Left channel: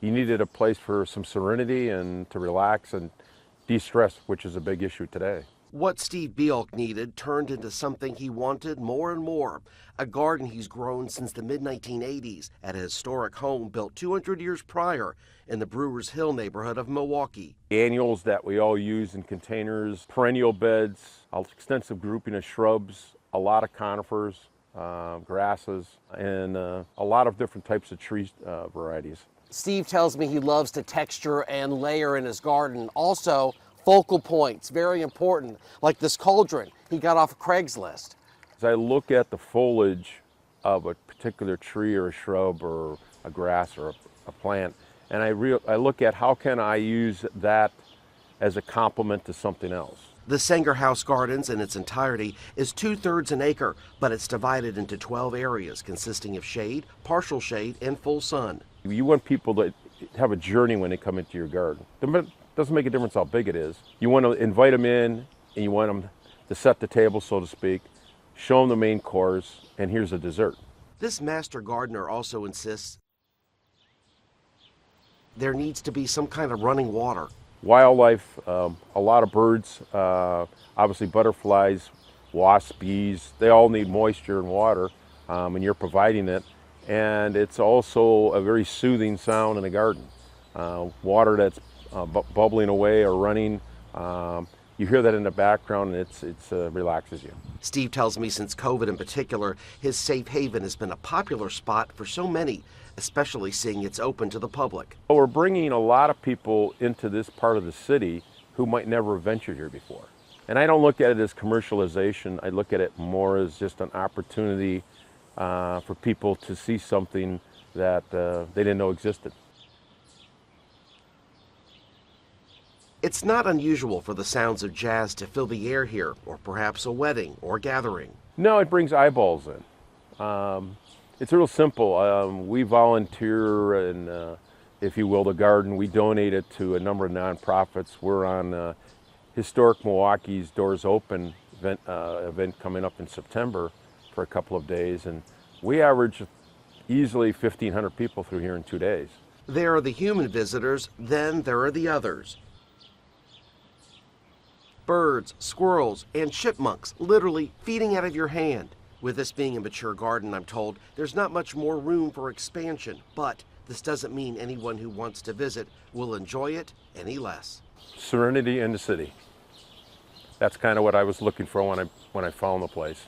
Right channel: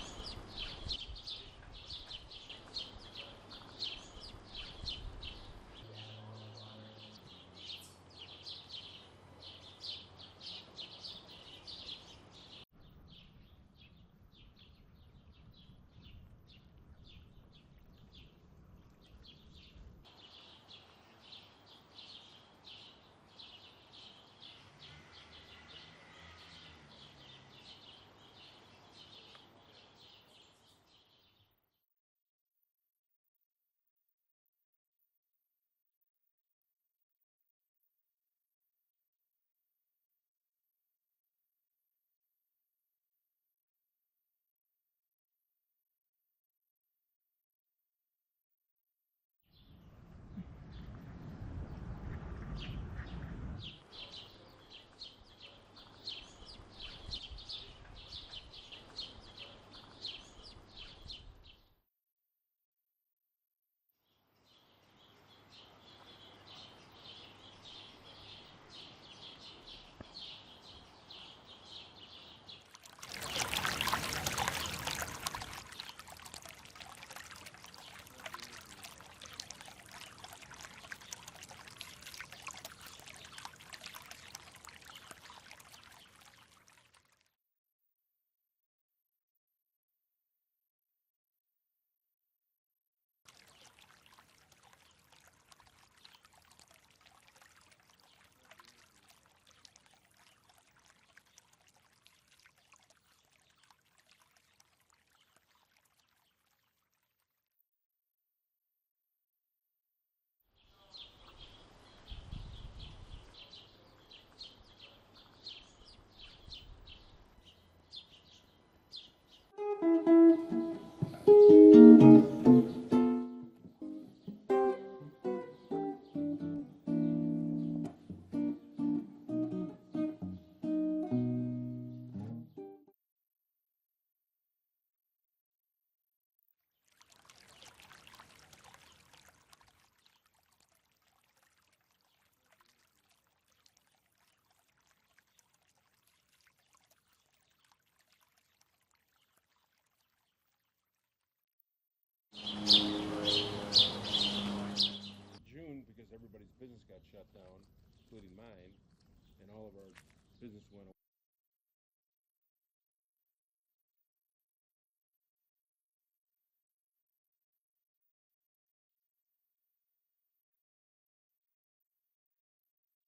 He needed a place for some serenity and to relax and de-stress, which is a big issue today. What Steve Bielk needed turned into something he wanted more and more, a garden he's grown since the mid-1980s at a historic home built 200 years prior in the Brewers Hill neighborhood of Milwaukee. Annuals that we all use in containers, perennial beds, an extensive grouping of shrubs, a lot of conifers, grasses, and a lot of different types of tree varieties. Steve tells me he loves to texture and layer in his garden. Also, focal points, very important, like this cauldron he got off of Craigslist. As I look at the foliage of a particular tree or a shrub or a grass or a plant, and I look at how can I use that as a complement to something else. The Sanger House Gardens in its entirety is 2/3 an acre, but it's divided into 12 areas consisting of shade, partial shade, and full sun. You want people to have a journey when they come into your garden. It doesn't make a difference how big it is. You want to invite them in, and you want them to set the table, so to speak, show them the main course, and here's the dessert. This master gardener also insists there needs to be some kind of running water. Wildlife, a lot of birds, obviously butterflies, wasps, bees, they all need moisture and water, and you're providing it. And it's also a very soothing sound in the garden. Water that's bubbling away or running, you hear that in the background, and it relaxes you. Steve tells me since COVID in particular, his safe haven has been a popular spot for so many, especially seeing it's open to the public. We're bringing a lot of people into this part of the city who might never have ventured here before. And I don't look at it as commercialization. I look at it more as just an opportunity for people to see something that they didn't know existed. It's not unusual for the sounds of jazz to fill the air here, or perhaps a wedding or gathering. No, it brings eyeballs in. It's real simple. We volunteer and, if you will, the garden. We donate it to a number of nonprofits. We're on Historic Milwaukee's Doors Open event coming up in September for a couple of days, and we average easily 1,500 people through here in 2 days. There are the human visitors, then there are the others. Birds, squirrels, and chipmunks literally feeding out of your hand. With this being a mature garden, I'm told, there's not much more room for expansion, but this doesn't mean anyone who wants to visit will enjoy it any less. Serenity in the city. That's kind of what I was looking for when I found the place.